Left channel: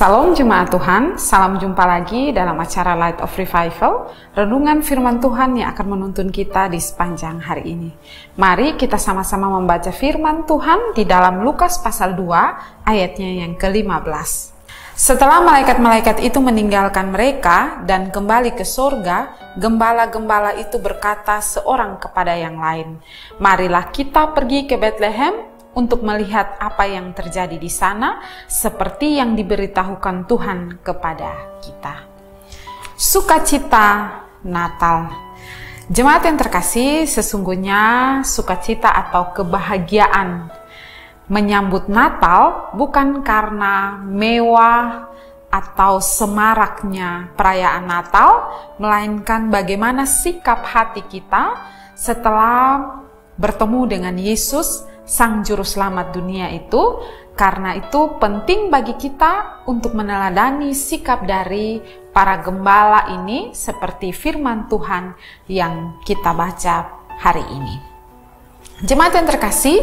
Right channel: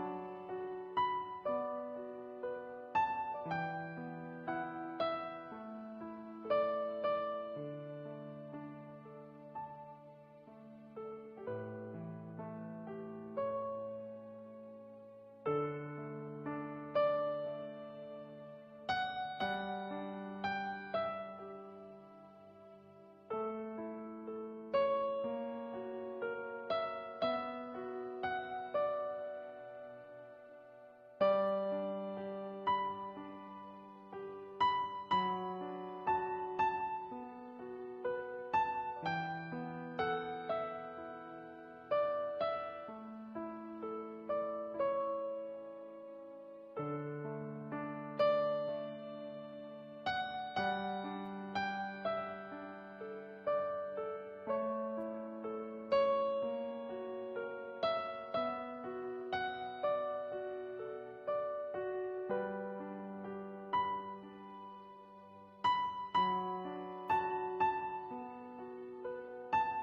Salam Jemaat Tuhan, salam jumpa lagi dalam acara Light of Revival, renungan firman Tuhan yang akan menuntun kita di sepanjang hari ini. Mari kita sama-sama membaca firman Tuhan di dalam Lukas pasal 2 ayatnya yang ke-15. Setelah malaikat-malaikat itu meninggalkan mereka dan kembali ke surga, gembala-gembala itu berkata seorang kepada yang lain, "Marilah kita pergi ke Betlehem untuk melihat apa yang terjadi di sana, seperti yang diberitahukan Tuhan kepada kita." Sukacita Natal. Jemaat yang terkasih, sesungguhnya sukacita atau kebahagiaan menyambut Natal bukan karena mewah atau semaraknya perayaan Natal, melainkan bagaimana sikap hati kita setelah bertemu dengan Yesus, Sang Juru Selamat dunia itu. Karena itu penting bagi kita untuk meneladani sikap dari para gembala ini seperti firman Tuhan yang kita baca hari ini. Jemaat yang terkasih,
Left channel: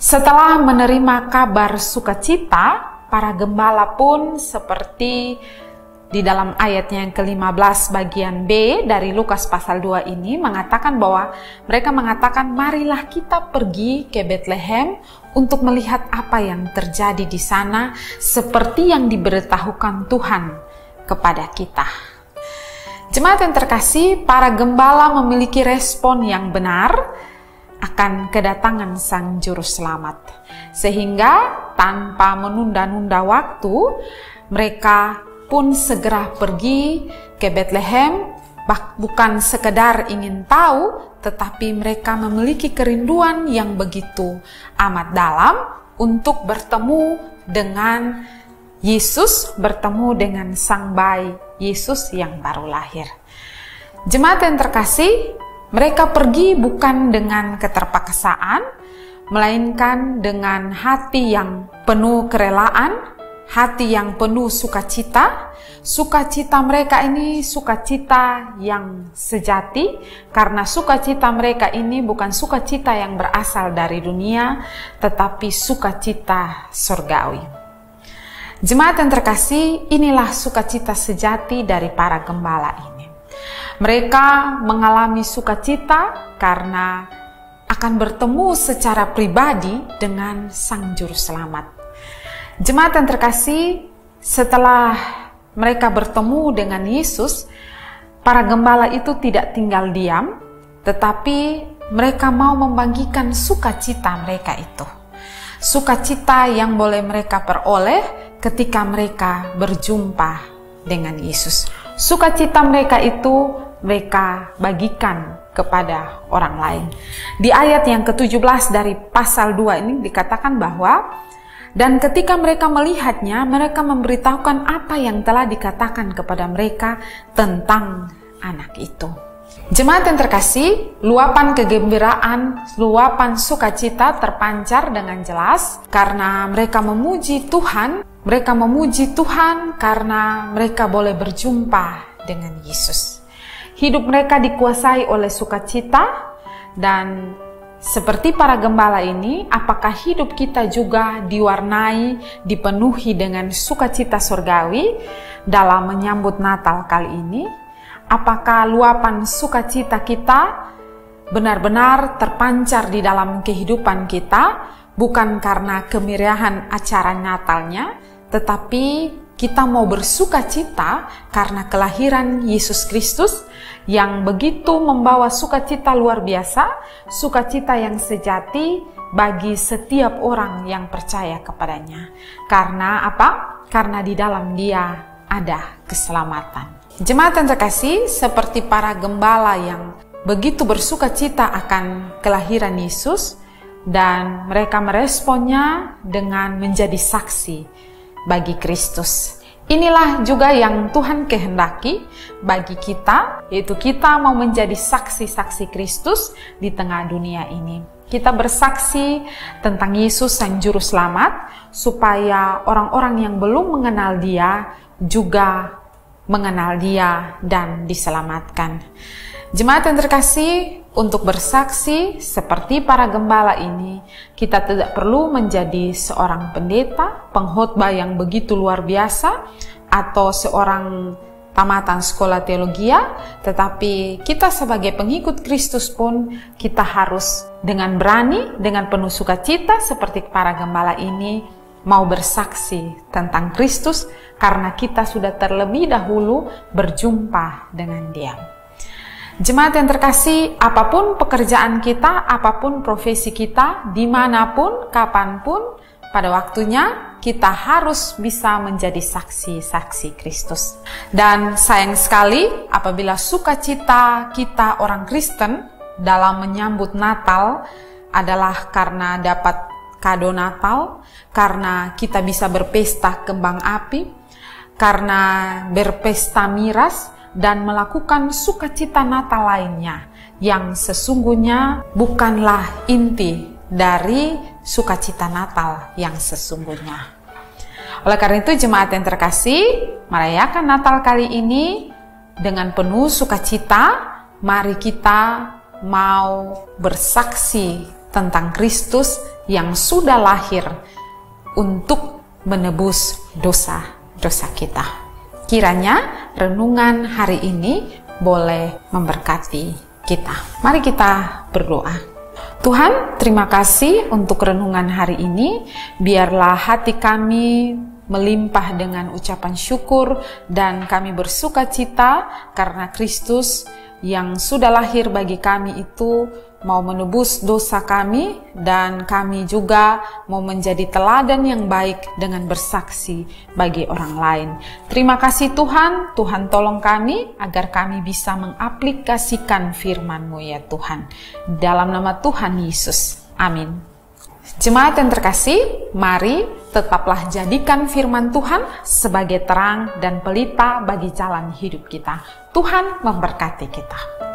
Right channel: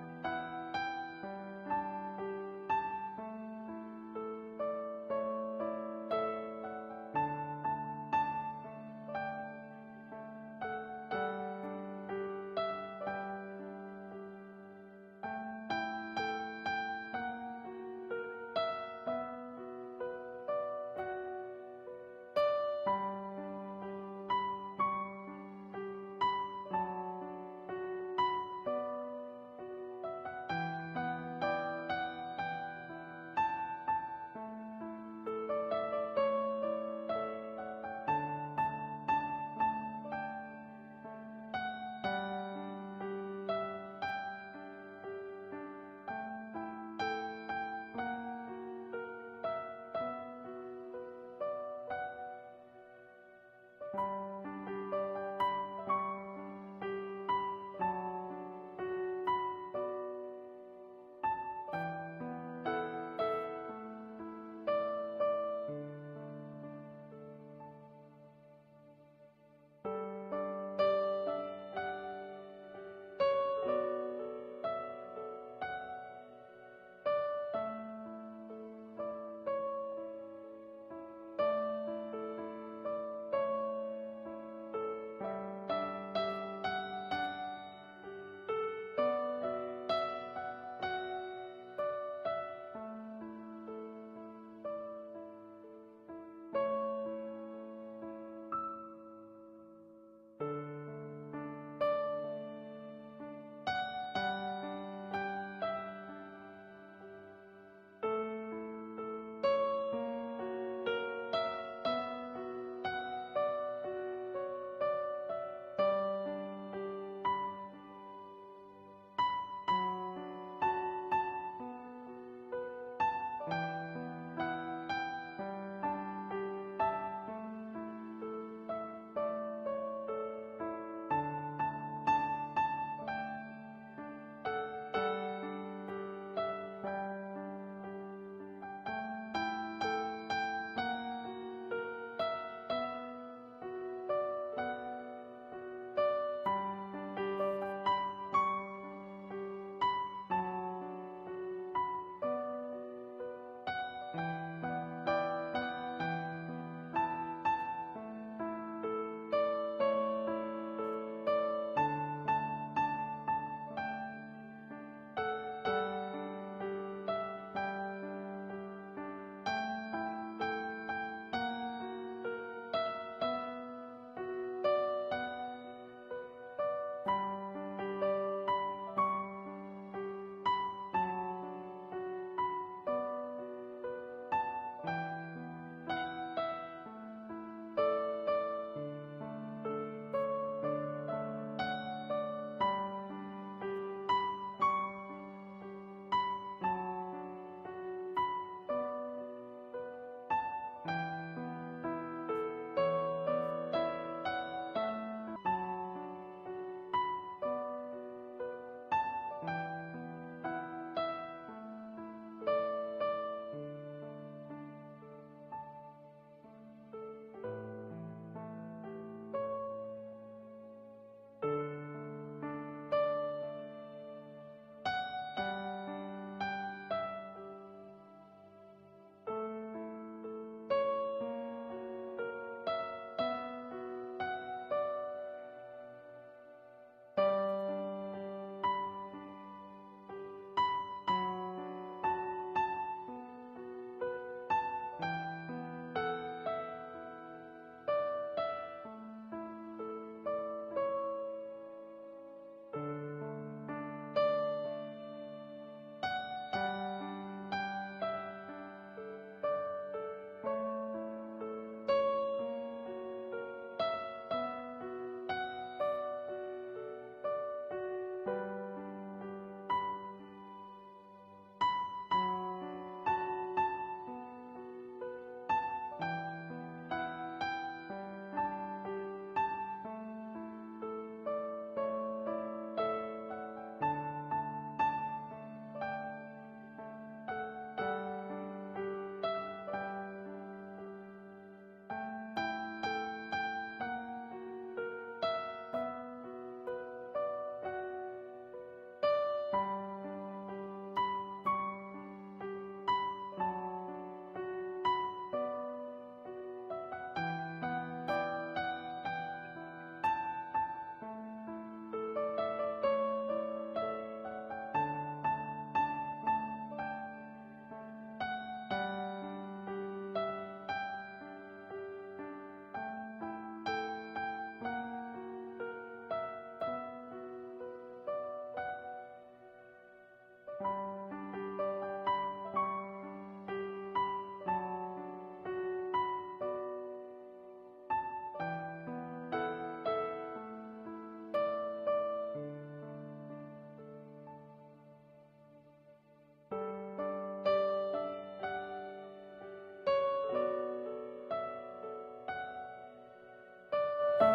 setelah menerima kabar sukacita, para gembala pun seperti di dalam ayatnya yang ke-15 bagian B dari Lukas pasal 2 ini mengatakan bahwa mereka mengatakan, "Marilah kita pergi ke Betlehem untuk melihat apa yang terjadi di sana seperti yang diberitahukan Tuhan kepada kita." Jemaat yang terkasih, para gembala memiliki respon yang benar akan kedatangan Sang Juru Selamat. Sehingga tanpa menunda-nunda waktu, mereka pun segera pergi ke Betlehem, bukan sekedar ingin tahu, tetapi mereka memiliki kerinduan yang begitu amat dalam untuk bertemu dengan Yesus, bertemu dengan Sang Bayi Yesus yang baru lahir. Jemaat yang terkasih, mereka pergi bukan dengan keterpaksaan, melainkan dengan hati yang penuh kerelaan, hati yang penuh sukacita. Sukacita mereka ini sukacita yang sejati, karena sukacita mereka ini bukan sukacita yang berasal dari dunia, tetapi sukacita surgawi. Jemaat yang terkasih, inilah sukacita sejati dari para gembala ini. Mereka mengalami sukacita karena akan bertemu secara pribadi dengan Sang Juru Selamat. Jemaat yang terkasih, setelah mereka bertemu dengan Yesus, para gembala itu tidak tinggal diam, tetapi mereka mau membagikan sukacita mereka itu. Sukacita yang boleh mereka peroleh ketika mereka berjumpa dengan Yesus. Sukacita mereka itu mereka bagikan kepada orang lain. Di ayat yang ke-17 dari pasal 2 ini dikatakan bahwa, "Dan ketika mereka melihatnya, mereka memberitahukan apa yang telah dikatakan kepada mereka tentang anak itu." Jemaat yang terkasih, luapan kegembiraan, luapan sukacita terpancar dengan jelas karena mereka memuji Tuhan. Mereka memuji Tuhan karena mereka boleh berjumpa dengan Yesus. Hidup mereka dikuasai oleh sukacita, dan seperti para gembala ini, apakah hidup kita juga diwarnai, dipenuhi dengan sukacita surgawi dalam menyambut Natal kali ini? Apakah luapan sukacita kita benar-benar terpancar di dalam kehidupan kita, bukan karena kemeriahan acara Natalnya, tetapi kita mau bersukacita karena kelahiran Yesus Kristus yang begitu membawa sukacita luar biasa, sukacita yang sejati bagi setiap orang yang percaya kepadanya. Karena apa? Karena di dalam Dia ada keselamatan. Jemaat yang terkasih, seperti para gembala yang begitu bersukacita akan kelahiran Yesus, dan mereka meresponnya dengan menjadi saksi bagi Kristus. Inilah juga yang Tuhan kehendaki bagi kita, yaitu kita mau menjadi saksi-saksi Kristus di tengah dunia ini. Kita bersaksi tentang Yesus Sang Juru Selamat, supaya orang-orang yang belum mengenal Dia juga mengenal Dia dan diselamatkan. Jemaat yang terkasih, untuk bersaksi seperti para gembala ini, kita tidak perlu menjadi seorang pendeta, pengkhotbah yang begitu luar biasa, atau seorang tamatan sekolah teologi, tetapi kita sebagai pengikut Kristus pun kita harus dengan berani, dengan penuh sukacita seperti para gembala ini mau bersaksi tentang Kristus karena kita sudah terlebih dahulu berjumpa dengan Dia. Jemaat yang terkasih, apapun pekerjaan kita, apapun profesi kita, dimanapun, kapanpun, pada waktunya kita harus bisa menjadi saksi-saksi Kristus. Dan sayang sekali apabila sukacita kita orang Kristen dalam menyambut Natal adalah karena dapat kado Natal, karena kita bisa berpesta kembang api, karena berpesta miras, dan melakukan sukacita Natal lainnya yang sesungguhnya bukanlah inti dari sukacita Natal yang sesungguhnya. Oleh karena itu, jemaat yang terkasih, merayakan Natal kali ini dengan penuh sukacita. Mari kita mau bersaksi tentang Kristus yang sudah lahir untuk menebus dosa-dosa kita. Kiranya renungan hari ini boleh memberkati kita. Mari kita berdoa. Tuhan, terima kasih untuk renungan hari ini. Biarlah hati kami melimpah dengan ucapan syukur dan kami bersuka cita karena Kristus yang sudah lahir bagi kami itu mau menebus dosa kami, dan kami juga mau menjadi teladan yang baik dengan bersaksi bagi orang lain. Terima kasih Tuhan, Tuhan tolong kami agar kami bisa mengaplikasikan firman-Mu ya Tuhan. Dalam nama Tuhan Yesus, amin. Jemaat yang terkasih, mari tetaplah jadikan firman Tuhan sebagai terang dan pelita bagi jalan hidup kita. Tuhan memberkati kita.